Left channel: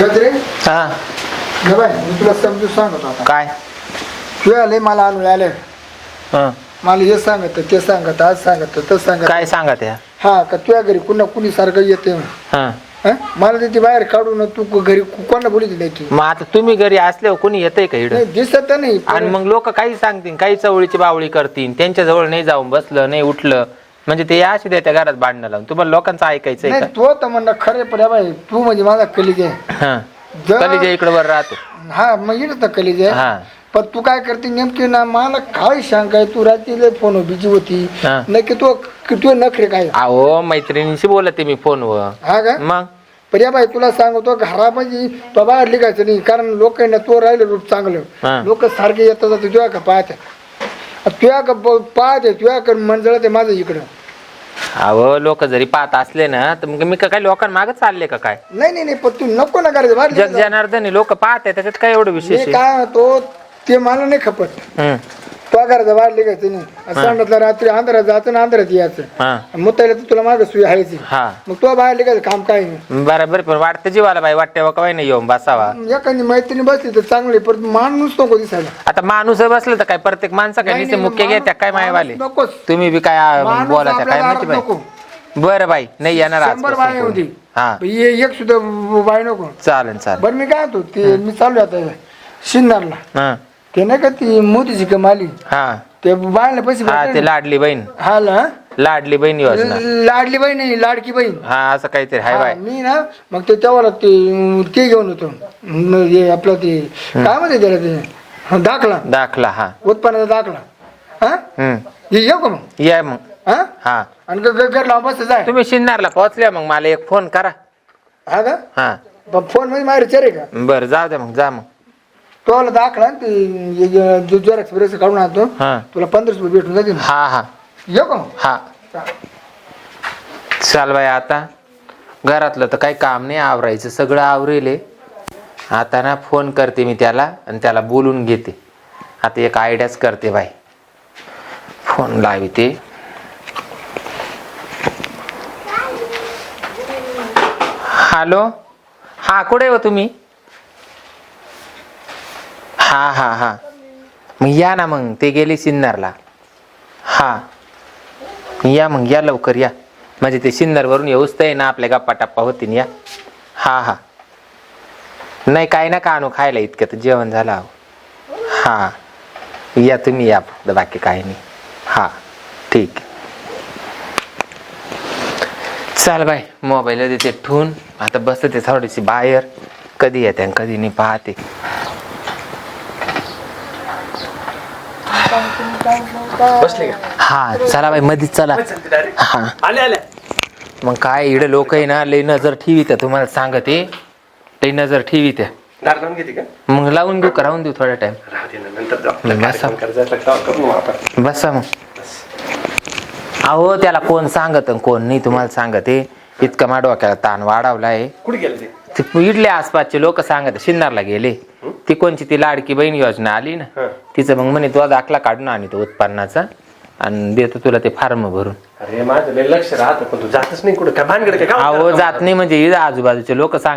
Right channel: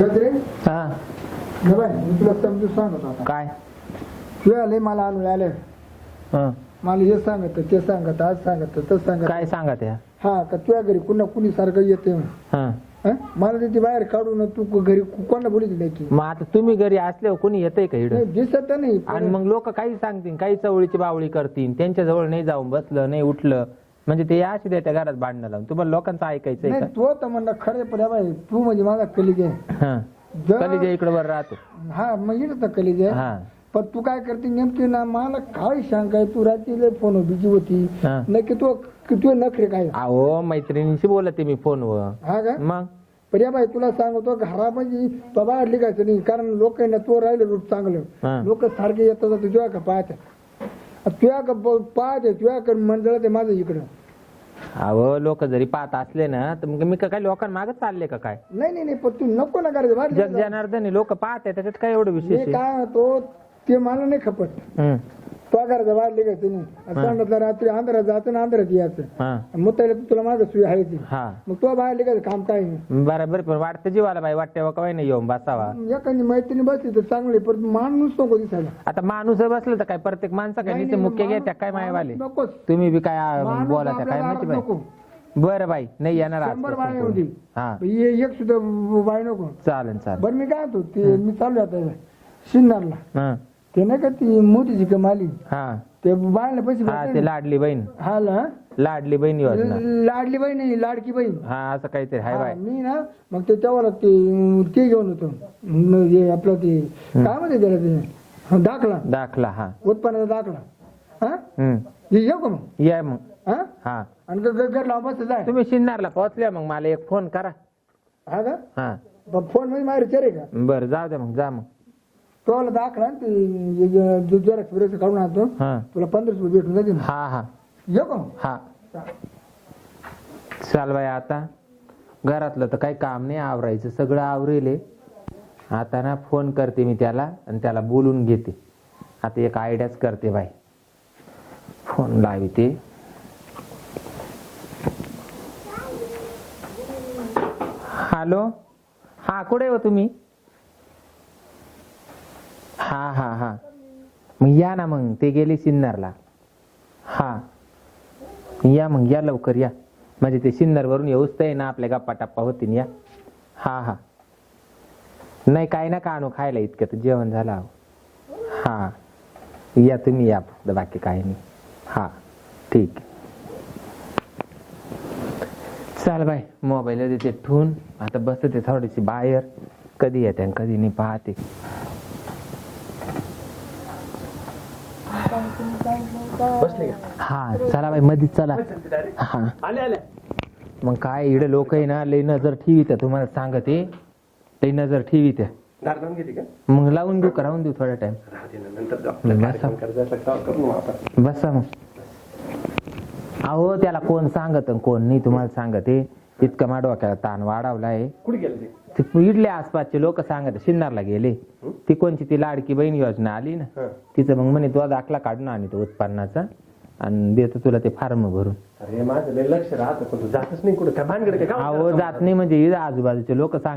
गजरे? हा. बाय मी तुला समजून सांगतो आता. काय? तू आले मला आणून आले हं. मला हे सांगत ते सांगत आज सांगत तसं सांगत. काय सांगा त्या हा का तुझ्या घरी कुणा कुणी सारखं येते हं. हं? मला त्याची बाहेर काढून तू कु- घरी कु- कोणाला तू? मग आता तुम्ही घरी असल्यावर कोणी येतंय का इकडं? नाही दिसत नाही आणि मग लोक काही सांगतील काही चवळीची बावळी करतील त्यांच्या जवळ नाही जाऊन बसलं नाही उठलं. म्हणजे ते अशी त्या घरात भांडणं लावून. तुम्हाला लोकांचं ऐकायचंय नाही का? तो तर म्हणणं खरे पण बाई तू म्हणजे माझा कलिज हं. जर- कलीच्या इकडे वर राहतो. हा मग येत तर कलिज हा. पण तू काय करते नेमकी ना मला काय शंका आहे तू रात्री फोन बिजी होती. हा. नक्की तू तू नखरे काय? अहो मैत्रिणीशी बोलते मी फोनवर. हा का? मग? पण या बाई तुला सांगतो घरामध्ये तो बाहेर लिखायचं नाही कारण लोक ना तो राहिलं रूप हा. चांगलं लोक सारखे येतात तुझ्या का पाहते तुझ्या का पाहते तुझ्या का मंजळ ते माझं इकडं अहो लोक जरी पाहत असले ना तर मग मी का काय लोकांमागे चालले का काय नाही नाही नाही पण तू नको ना करायचं बाहेर जग. जनार्दनी लोक पाहते त्याच्यात काय एवढं विशेष आहे काय म्हणतो ते मला नाही खपत हं. तो करायचं बाहेर लिखायचं नाही सांगितलं रात्री अंधारात जायचं ना अंधारात यायचं. हा. मुतायला तर तुला मागं सुई आहेच हा. मग तो बाहेर लिखायचं काम काय नाही. बरोबर पण वाटतं जीवाला बाई वाटते काय नाही येऊन बसावा. एखादी मैत्रिणी बसली तर चांगली पण माणूस नको दिसायला. आता माणूस बसलं तर काय प्रत्येक माणसं काय नाही, नुसते नाही, मुख्य माणूस- घ्या काय मायवाले? माणूस नकोच. तुम्ही बी काय आ, माणूस बोला त्या काय माहिती बाई? नको. बरं बाई नाही येणार शंभर आजपासून बाय होती. कोणी. हा. ये- एक सुद्धा बाय नको. चालेल चालेल. बरं मी काय होतो ते मी चालू आता शिन्नरला. हा. ते नाही का ती मोदीची कमाली? हा. ते बायला पैसे हा भेटले ते ना. लाडली बहीण. हा ना? लाडली बहीण योजना. लाडली बहीण नाही लाडकी बहीण. हा असं काहीतरी हाय हा, बाय. मी ना मग ते तेव्हा ते ते घेऊन होतो. हे आपलं ते काय म्हणते त्याला ते? हा, दाखला. दाखला हा. उत्पन्नाचा दाखला. हा? हम्म. हे येऊ का मग? या मग. हा? हा. आणि ग- ग- घर लावून बस जाय. तुम्ही शिन्नारला पोहोचल्या मग मला एक फोन करा. हा का? हा. ब- फोनमध्ये विचार आहे का? बरं जाऊ द्या मग जा मग. तो आला दाखला जेरक्स बिरक्स काढून आणतो हा. तुला पंधराशे रुपये भेटून जातील. हा हा. येऊ का मग? हा. चाल बाई आता घरातलं तर काही काम नाही आवरायचं. सगळं आवरेले आता ना फोन करते मी त्याला आणि त्याला बोलून घेते. आता एक आयडियाच करते बाई. फोन लावते. हॅलो? हा कुठे हो तुम्ही? हा हा हा. मग या ना मग ते गेले सिन्नरला. हा. या मग या लवकर या. म्हणजे ते सिन्नरवरून येऊच तर ना आपल्या गप्पा टप्पा होतीन या. हा हा. नाही काय ना का आणू खायला इतकं तर जेवण झालं अहो. हा. या तुम्ही या फक्त बाकी काही नाही. हा ठीक. आहे. चाल बाय मोबाईल देते ठेवून. आता बसते थोडीशी बाहेर. कधी येते आणि कधी नाही पाहते. बसले का? हा चला बाई मधीच चला. हा. आले आले मग काय इकडे लोक आहे ना लई नजर ठेवी त्या तुम्हाला सांगते. लई नजर ठेवी त्या. दार लावून घेते का? मग लावून देऊ का राहून देऊ थोडा टाइम राहू दे ना नंतर जाऊ. बसा. कार्यक्रम करायचा असला का करू मग आपण. बसा मग. अहो त्याला कोण सांगत कोण नाही तुम्हाला सांगते. इतका मा डोक्याला ताण वाढवलाय. कुठे गेले ते? ते इडले आसपासचे लोक सांगत शिन्नरला गेले. ती कोणची? ती लाडकी बहीण योजना आली ना. तिचं मग म्हणे तुला दाखला काढून आणतो उत्पन्नाचा आणि देतो तुला ते फार्म भरून. अरे माझं लय लक्ष राहतं पण तू जातच नाही कुठं. काय भानगड काय गावात अहो जातो? नाही. म्हणजे इथं आजूबाजूचे लोक हा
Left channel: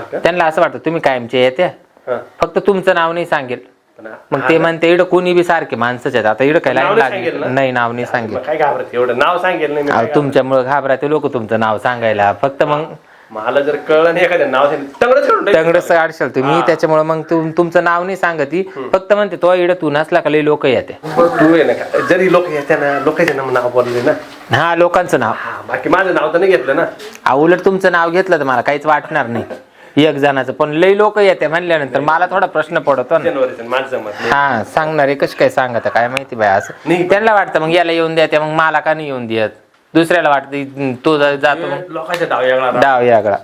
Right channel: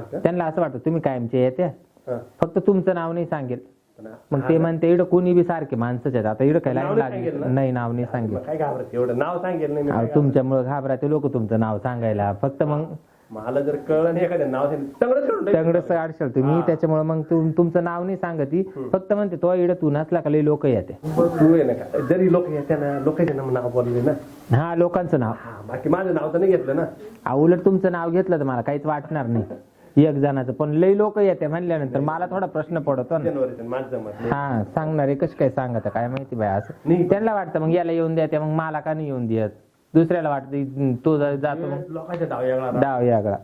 का? त्यांना असं वाटतं तुम्ही कायमचे येत्या. हा. फक्त तुमचं नाव नाही सांगेल. पण मग ते म्हणते इकडं कोणी बी सारखे माणसंच आहेत. आता इकडं काय नाव लाईन नाही सांगेल लागली ना? नाही नाव नाही सांगेल मग काय घाबरत? एवढं नाव सांगेल नाही मी अहो काय तुमच्यामुळे घाबराते लोक तुमचं नाव सांगायला. फक्त मग. मला जर कळलं नाही एखाद्या नाव सांगितलं तंगडच करून टाकीन. तंगडच काढशाल तुम्ही. त्याच्यामुळे मग तुम- तुमचं नाव नाही सांगती फक्त म्हणते तो इकडं तू नसला का लई लोक येते. तू आहे ना का? जरी लोक येते ना लोकांचे नाव बोलले ना. हा लोकांचं नाव. हा बाकी माझं नाव तर नाही घेतलं ना. उलट तुमचं नाव घेतलं तर मला काहीच वाटणार नाही. एक जणाचं. पण लई लोक येते म्हणल्यानंतर मला थोडा प्रश्न पडतो ना. जनवरीचं माझं जमत नाही. हा सांगणारे कशी काय सांगत काय माहिती बाय असं. नाही. त्यांना वाटतं मग याला येऊन द्या मग मला का नाही येऊन देत? दुसऱ्याला वाटतं तो जा- जातो मग लोकांच्या डाव. डाव यागळा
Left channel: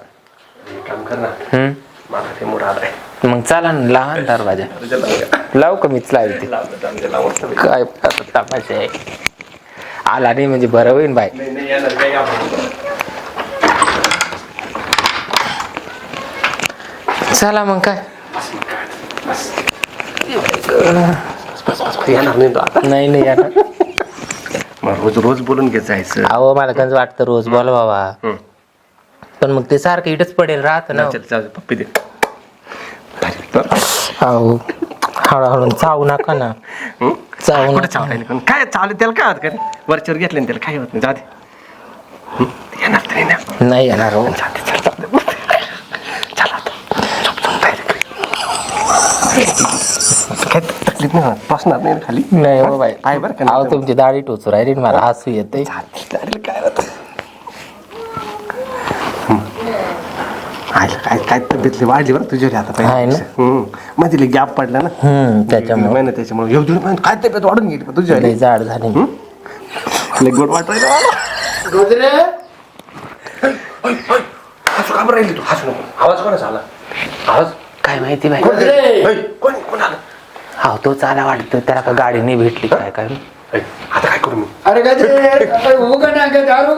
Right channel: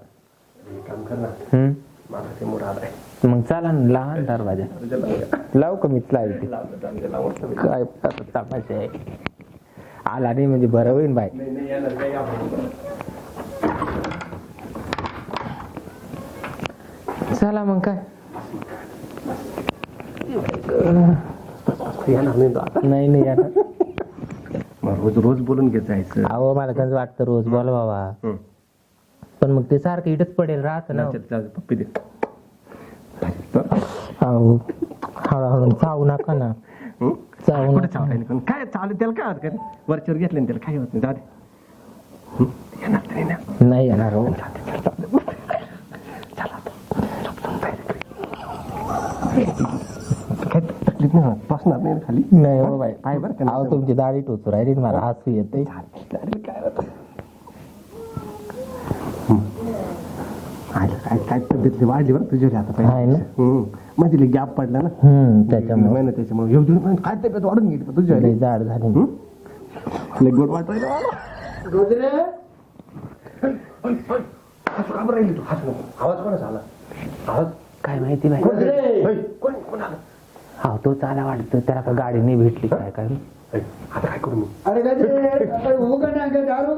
हे काम कर ना हम्म मला ते मूड आलाय मग चला ना लहान दरवाजा तुझ्या लावूया. लावू का मीच लावते लावलं. काय आहे आला नाही म्हणजे बरं होईन बाय नाही नाही येणार काय घाबरू चला मग काय. येणार नाही तो आता नाही नाही यार रोज रोज बोलून घेत जायचं. अहो मला कंच वाटतं रोज बोल बाबा. पण मग ते सारखं इथंच पडेल राहत ना. चल जाऊ दे, पप्पी दे. अहो हळूहळू चावू नका ना. हं? चावू कुठे नका. चावरायला पण काय चावलं त्याला काय होत का वरच्यावर घेतलं ना त्याला काय होत नाही. जाऊ दे. हं? येणार तरी ना नाही येणार हो. काय तकलीफ नाही होत? बसणार नाही ना खाली? नाही हो बाई. आहे बरं का अहो तुमची दाढी टोचू राहिली ना मला हसू येते अरे काय होत आयला काय काय तब्येतली वाढली बरं तुझ्या आता आहे ना? पहिल्या मध्ये गॅप पडला ना? हम्म त्याच्यामुळे. महिना त्याच्यामुळे येऊ देऊ काय तब्येत वाढून गेली तुझ्या लय जाड झाली. लय गोड वाटायला मला गजरे! हसू का बरं राहिली तू? हसू नको. आवाज कोणाचा आला? आवाज? काय माहिती बाई. ऐ, कोण कोण आलं? हा तो चाला वाटतो. त्याला का गाडी नाही भेटली काय काय? ऐ, आता काय करू मी? अरे ना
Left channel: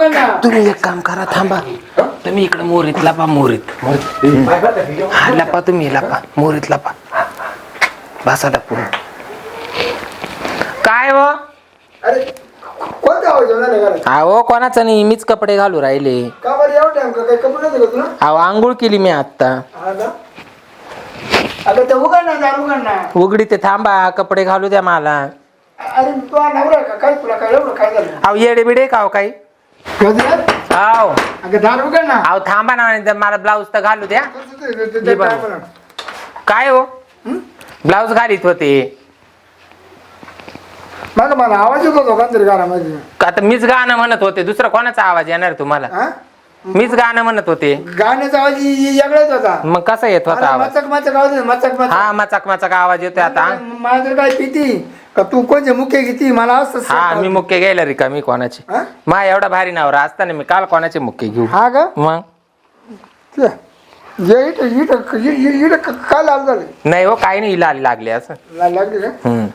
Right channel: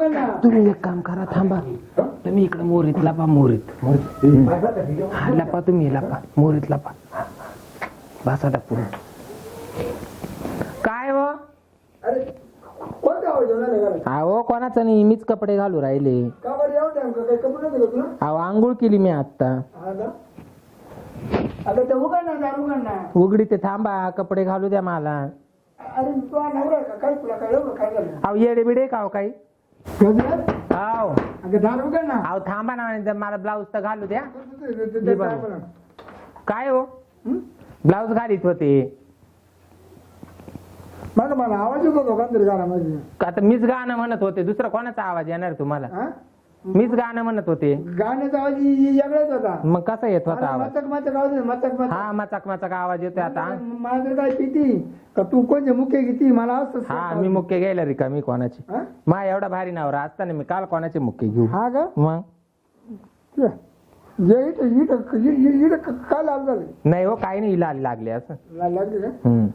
ना. तुम्ही एक काम करा थांबा. तुम्ही इकडे मोरीत लपा मोरीत. बाय? हा लपा तुम्ही लपा. मोरीत लपा. बसा लपून काय हो? अरे कोणता आवाज येऊन राहिला घरात? अहो कोणाचं नाही. मीच कपडे घालू राहिले. का बरं एवढं टाइम का काही कपडे नव्हते का तुला? अहो आंघोळ केली मी आता हा का अगं ते उघड ना दार उघड ना. उघडी ते थांबा कपडे घालू द्या मला. अरे तू नवरा आहे का? काय तुला काय एवढं काय झालं? अहो येडे बिडे का हो काही? अहो अगं दार उघड ना. अहो थांबा ना तर मला ब्लाऊज तर घालू द्या. ते- ते- ते- ये ते बघ. काय हो? ब्लाऊज घालीत होते. मग मला आवाज येत होता घरामध्ये आता मीच गाणं म्हणत होते दुसरा कोणाचा आवाज येणार तुम्हाला? हा? मीच गाणं म्हणत होते. गाण्याचा आवाज वेगळाच होता. मग कसा येत होता आवाज? मचक मचक आवाज येतो, मचक मचक. हा मचाक मचाक आवाज येतोय आता. मला तर काय पिती का तू कोणचे मुख्य घेती? मला असं हा मी मुख्य घ्यायला रिका मी कोणाची? हा? मा एवढा भारी नवरा असताना मी काल कोणाचे मुख्य घेऊ? हा का? मग? ते, ये इथं इथं इ- इ- इथं क- काय लाल झालं. नाही हो काही नाही लाली लागली असं. ला- लागली का? हम्म,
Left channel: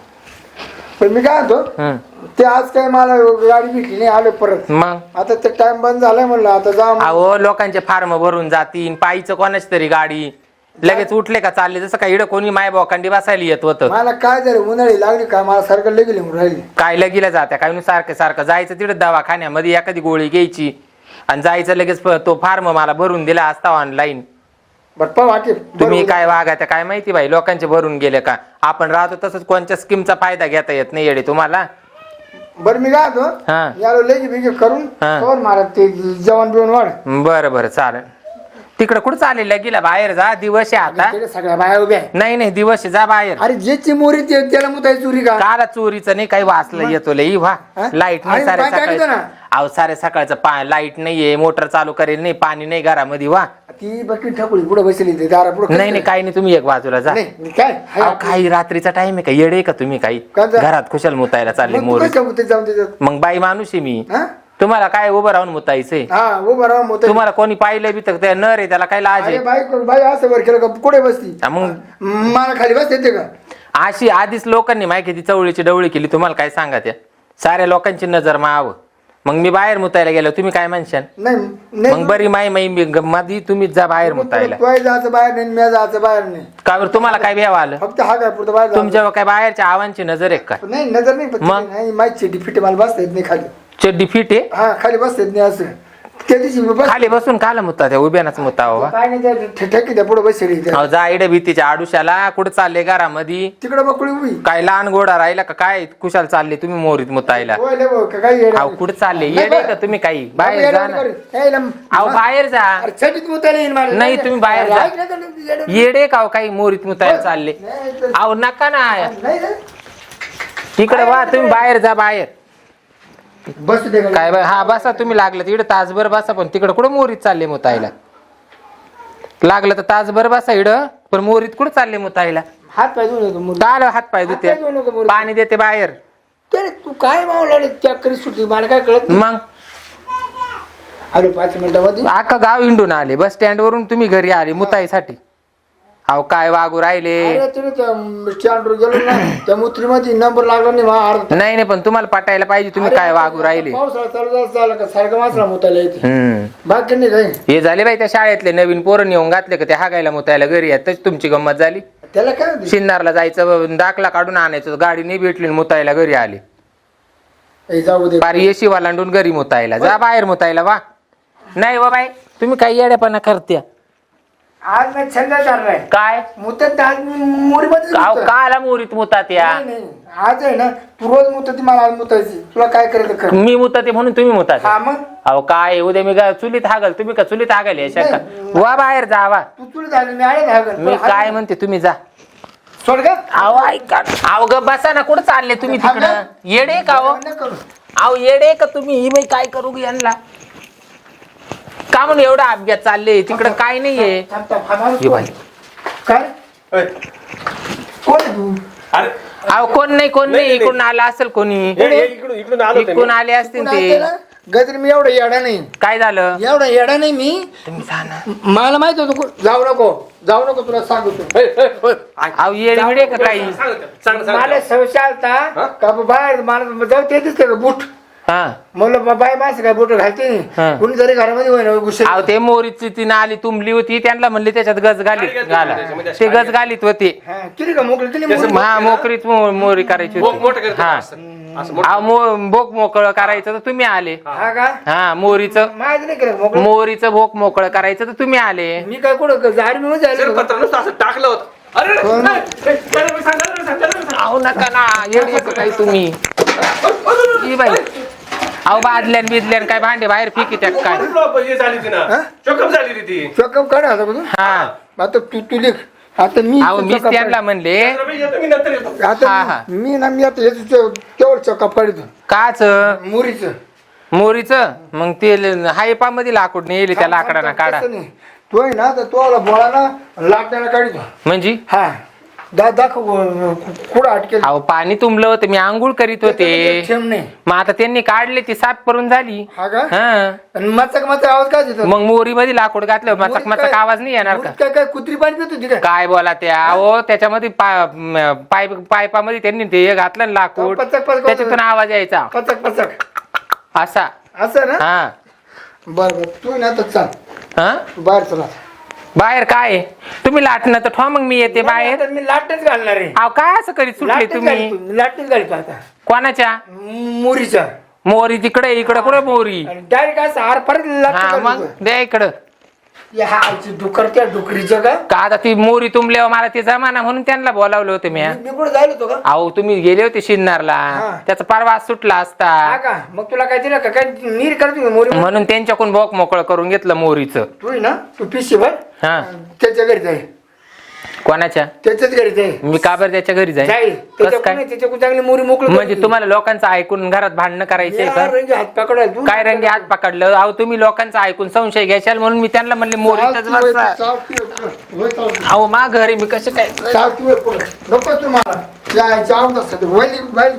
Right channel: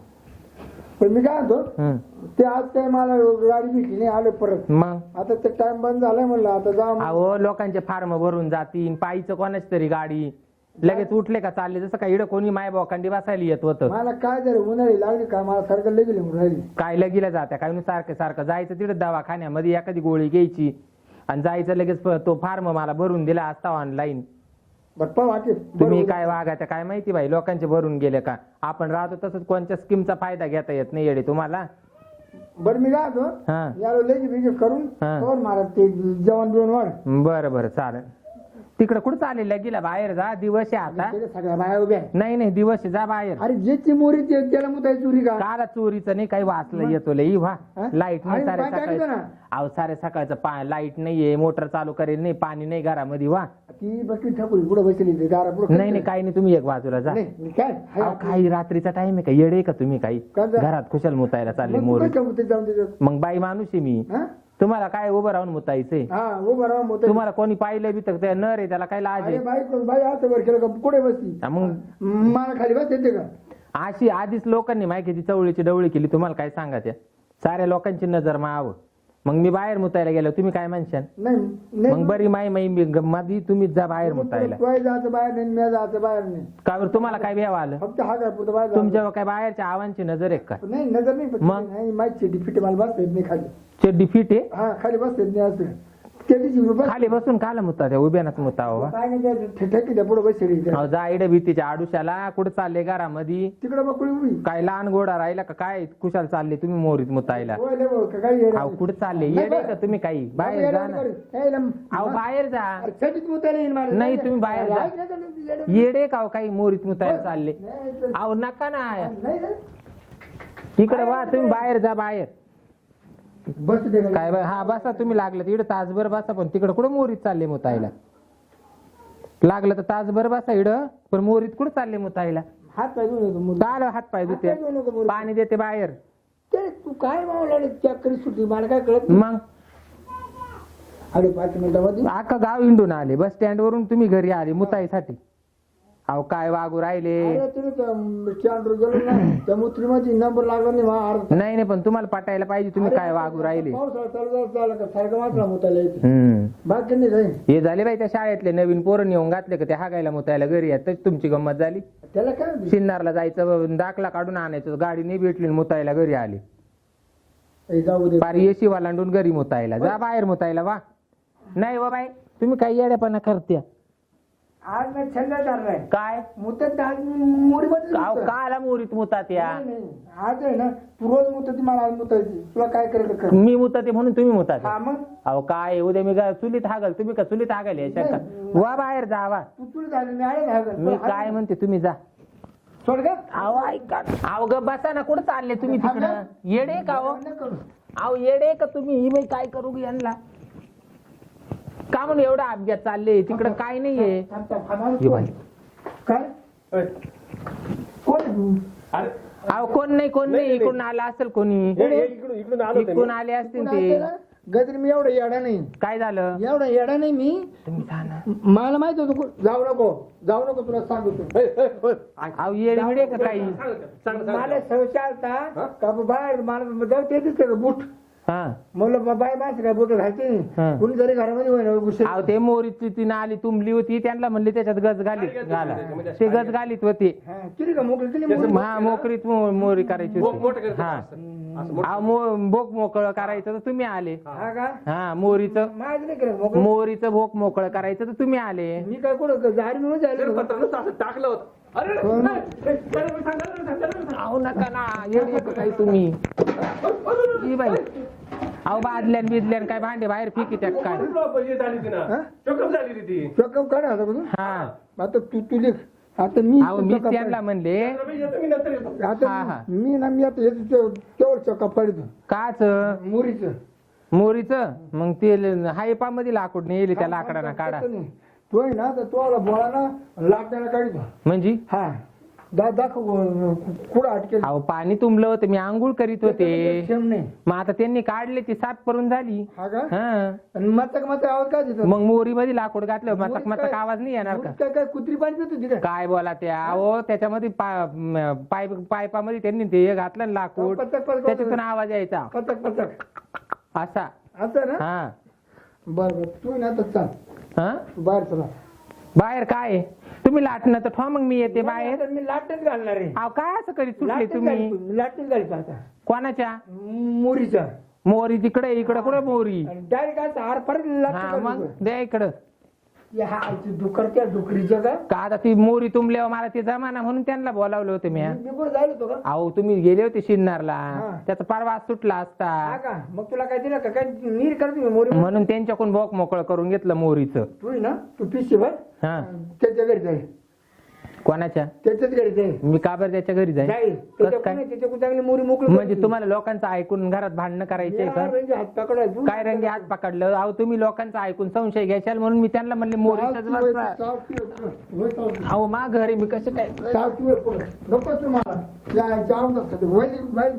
पण मी काय म्हणतो. ते आज काय मला गाडी भेटली नाही आलो परत. मग? आता ते टाइम बंद झालाय म्हणलं आता जा मग. अहो लोकांचे फार्म भरून जातील पायीचं कोणाची तरी गाडी. लगेच उठले का चालले जसं काय इडं कोणी माय बोकांडी बसायला येत होतं. मला काय झालं उन्हाळी लागली काय मला सारखं लगेली म्हणून राहिली. काय लगीला जात्या काय नु सारखं सारखं. जायचं तिथं दवाखान्यामध्ये एखादी गोळी घ्यायची. आणि जायचं लगेच तो फार्म मला भरून दिला असता ऑनलाईन तुम्ही काय वागायचं काय माहिती बाई? लोकांचे भरून गेले का? आपण राहतो तसंच कोणत्या स्कीमचा फायदा घेता येत नाही येडे तुम्हाला? बरं मी काय होतो हा. यालो लगे बिगे करून. हा. कवर ते जेवण बिवण वाढ. बरं बरं चालेल. तिकडं कुठं चालेल लगीला बाहेर जा दिवस आहे आता. तिकडे सगळ्या बाया उभ्या आहे. नाही नाही दिवस आहे, जा बाहेर. अरे ज्याची मोरी ते त्याला मुताय चुरी का? काला चोरीचं नाही काही वाचलं येतो लई व्हा हा? लाइट नाही आणि सारे पाणी टाकीतो सकाळी. ना. अहो सारे सकाळचं पा लाइट नाहीये मोटर चालू करेल नाही पाणी नाही घरामध्ये वा ती बकी ठकुली पुढे बसली ते दारा पुढे नाही नाही काही नाही तुम्ही एक बाजूला जा. नाही काय? हाय अहो आपलं. काही रात्रीचा टाइम आहे का? येडे का तुम्ही काही? का जा? घरात खुशाल मुतायला चालले मग तू मोर. कशा मुते जाऊन त्याच्यात? मग बाई माणूस आहे मी. हा? तुम्हाला काय उभं राहून मुतायचंय? हा मोते तुम्हाला कोणी पाहिलं बी तर नर आहे त्याला काय लाज अरे आहे बाई बाई असं वर केलं का? कुठे बसती? हा, मग? मला खाली बस येते का? अशी आधीच लोकांनी माहिती ती चवळीची डवळी केली. तुम्हाला काय सांगा त्या? साऱ्या लोकांची नजर माव. मग मी बाहेर मुतायला गेलो तुम्ही काय म्हणशाल? नाही मग बरी माई माई मी मधी तुम्हीच जा बाहेर मुतायला. जायचं बाहेर नाही मी जायचं बाहेर नाही. का बरं तुम्हाला काय भ्याव आलं? फक्त हा काय पुढचं बाहेर जायचं. तुमच्या काय बाहेरच्या आवांची नजर आहे काय नाही नजर नाही पण मग? नाही माझी फिटी मला बसता येत नाही खाली. चड्डी फिट आहे? हा खाली बसता येत नाही असं. त्या दिवशी मी बस खाली बसून काल मुता त्या उभ्यानाच मुता हो काय नाही त्या ठेकी त्या पुढे बसली त्या. अहो, जा इडे भीतीच्या आडुशाला. कुठं चालले घरामध्ये तिकडे बकळी उभी. काय लहान गोडा राहिला का काय? कुशाल चालले तुम्ही मोरीत मुतायला होय लय भाऊ, का काय येडं? अहो कुठं चालले? नाही येडे. का तुम्ही काही? बाहेर येडं जा ना. अहो बाहेर जा. अरे छटीत मुतायला येईन मला. नाही, तुम्ही बाहेर जा. ऐक ना का नाही, येडं. येडे का हो काही मोरीत मुतायला चालले? नाही, तर- अहो नका ना. नाही रे. तिकडे वा तुम्ही बाहेर जा बाहेर. बसू दे? काय बाय हा बसा तुम्ही लागलं तिकडे तासभर बसा पण तिकडे कुठं मोरीत चालले मुतायला लागलं तर तासभर बसा इड पण मोरीत कुठं चालले मुतायला हात पाय धुवून येतो हात पाय हात पाय. पाणी देते बाहेर. ते तू काय मावला रे त्या करी सुट्टी? मला काय कळत नाही. मग? आलो पाच मिनिटामध्ये अख्खा गाव इंडून आले. बस स्टँड वरून तुम्ही घरी आले मुताईसाठी. अहो काय वागू राहिले? अरे तुम्ही त्या स्टँडवर गेलो ना त्या मुत्रीमध्ये नंबर लागला नाही अर्धा नाही नाही पण तुम्हाला पटायला पाहिजे तुम्ही काय वागू राहिले? पावसाळा चालू झाला झाला का? सारखं मासला मुतायला येते. हम्म. बाकी नाही काही. हे झाले बाई त्या शाळेतले नवीन पोरं नेऊन घातले का? ते हागायला मुतायला घरी येत तशी तुमची गंमत झाली? त्याला काय होते? शिन्नारला जायचं दाखला काढून आणायचं गाडी नाही भेटली आणि मुतायला घरी आली. ए, जाऊ दे. पार येशी वालांडून घरी मुतायला. जा बाहेर मुतायला वा. नाही वा बाई तुम्ही काही येड्यापणा करत्या. आज मी छंद चाललाय. काय? मुतत आज मी मुरीमध्ये काव काला मोरीत मुतात या. आज आहे ना तू रोज मुतती मला आज मुतायची. तुला काय करायचं कर मी मुताते म्हणून तुम्ही मुतात. हा मग? अहो काय? उद्या मी का चुलीत हागल. तुम्ही का चुलीत हागल या शंका? वा बाहेर जा वा. तू तुला झाली मी आहे ना मी काय म्हणते तुम्ही जा. सोड का अहो ऐका अहो ग बसा ना. कुठं चालले तुम्ही तिकडं? येडे का हो? अहो येडे का तुम्ही? ही बाई काय करू ग यांना? का म्हणून एवढा अपघात चालले? तिकडं काय नाहीये. थांब, थांब, हा माणूस ये कोण? बाई. काय? अय, कोण आहे तू? अरे. अहो कोण नाही कोण नाही नाही, नाही. इकडून आला असेल कोणी. हे- हे इकडून इकडून आलो होतो इकडून मी. आले असतील ते? गजर मी एवढा येडा नाही. काय झालं? एवढा येडा नाही मी. तुम्ही जा ना. मला माहीत होतं जाऊ नको. जाऊ नको तुला सांगतो. अय, अय, अय, ऐक. अहो येडे बिडे का काही? सांग, सांग, सांग, मला. संशय आलता का बाहेर मला जाऊ ते दिसते का बूट? हा म्हणलं बा- बाय माणसं काय बूट घालते हा. कुणी जरी घरामध्ये होईना अहो ते मोरीची ती नाली तुंबली होती त्यांना म्हणले त्याच्यात गज घालीत घाला ते गज घालीत होते हा का मोकळी मोकळी? हा मोकरीत मो- मोरी करायची बोक होती मोठं करतो हा असं. असं मोठं. अहो, मो- भोक मोकळं करायचं तर तुम्ही आले हा का हा मोरीचं माहिती नाही केलं मोकळं मोरीचं भोक मोकळं करायचं तर तुम्ही आले मी काय कुठं जारी मी जर झालं पत्र नुसतं असं टाकलं होतं अरे अरे, कोण? अरे, अरे, अरे, सांग, अरे, सांग, अरे, सांग. अहो नका ना काही तुम्ही अहो बादल्यान बिदल्यान काय भांडे बाहेर फेकी त्यात काय? हे झाली ती ना. चोकअप झाली ती ती. चॉकअप काढ आता बघून हा. आता तू तू लिख. आता मी अहो मीच त्यांना. म्हणले. येतो मी नंतर येतो. हा, आता. मी ना मी आता याचं तेवढं चॉकअप काढतो. काच? मुरीचं. मोरीचं? मग ते हायपा मध्ये लाकूड नेले त्या लाकडाना काढा. तसं नाही. तो आहे ना तर तो बोळा ना लाकडाला काढतो. म्हणजे? हा. दा दाखव अं, कुठं अटकेल? अहो पाणी तुंबलं होतं मी आंघोळ करीत होते. नाही मग आता त्यांनी काढले ती साफ करून झाली. हा का? हा. आणि मचक मचक आवाज काय देतो? मग मोरी मध्ये लाकूड घातलं मचक मचक आवाज नाही येणार का? काय काय कुत्री पाणी पित होती काय काय बोला त्या? अहो त्याच्यामध्ये पा- म, पाईप पाईपामध्ये त्यांनी ते हे घातलं ना लाकूड. पचक पचक त्याच्यातून आवाज यायचा. पचक पचक. असा. असं ना? हा. बर बर. तू ना तर चाल. हा? तू बाहेर चला. बाहेर काय आहे? तुम्ही लाटणं तर ठेवा मग मी येते बाहेर. आता मी लाटच घालणार आहे. अहो काय असं करीत सुटले लाटच तुम्ही? घालतो मी लाटच घालतो आता. कोणाच्या? मुरीचा. मोरी तिकडे इकडे कुठे मोरी? डायरेक्ट असं हार परत हा लाटच मग घालतो. द्या इकडं. या हाची डुकर त्या डुकरीचं का? का आता ती मोरी तुंबल्यावर मला ते जमाना म्हणून त्यांना बोलावलं होतं मी मी कुठं जायला होतो का? अहो तुम्ही गेले होते शिन्नारला. हा. त्याचा परवा सुटला हा असता का? मग तुला काय दिलं का? काय नीर करतो मोरी म्हणून? त्यांच्याकडून बोक मोकळं करून घेतलं मोरीचं. तू आहे ना तू पिशी भर हा. त्याच्या घरी जाय. कोणाच्या? त्याच्याच घरी जाय मी का बरं त्याच्या घरी जाईल जाईल. कस त्याच्या काय? कोणी त्याच्या चांगली मोरी मोकळी म्हणजे तुम्हाला लोकांचं ऐकून घरात भांडणं करायचंय का? हात पकडाय तू काय रंगी हात पकडलं? अहो तुम्ही लोकांचं ऐकून संशय घ्याल म्हणून मी त्यांना म्हणले मोरीतच बसा. अहो मा घरी मी कसं काय? नको तुम्हाला. आवडत असतं वैली वैली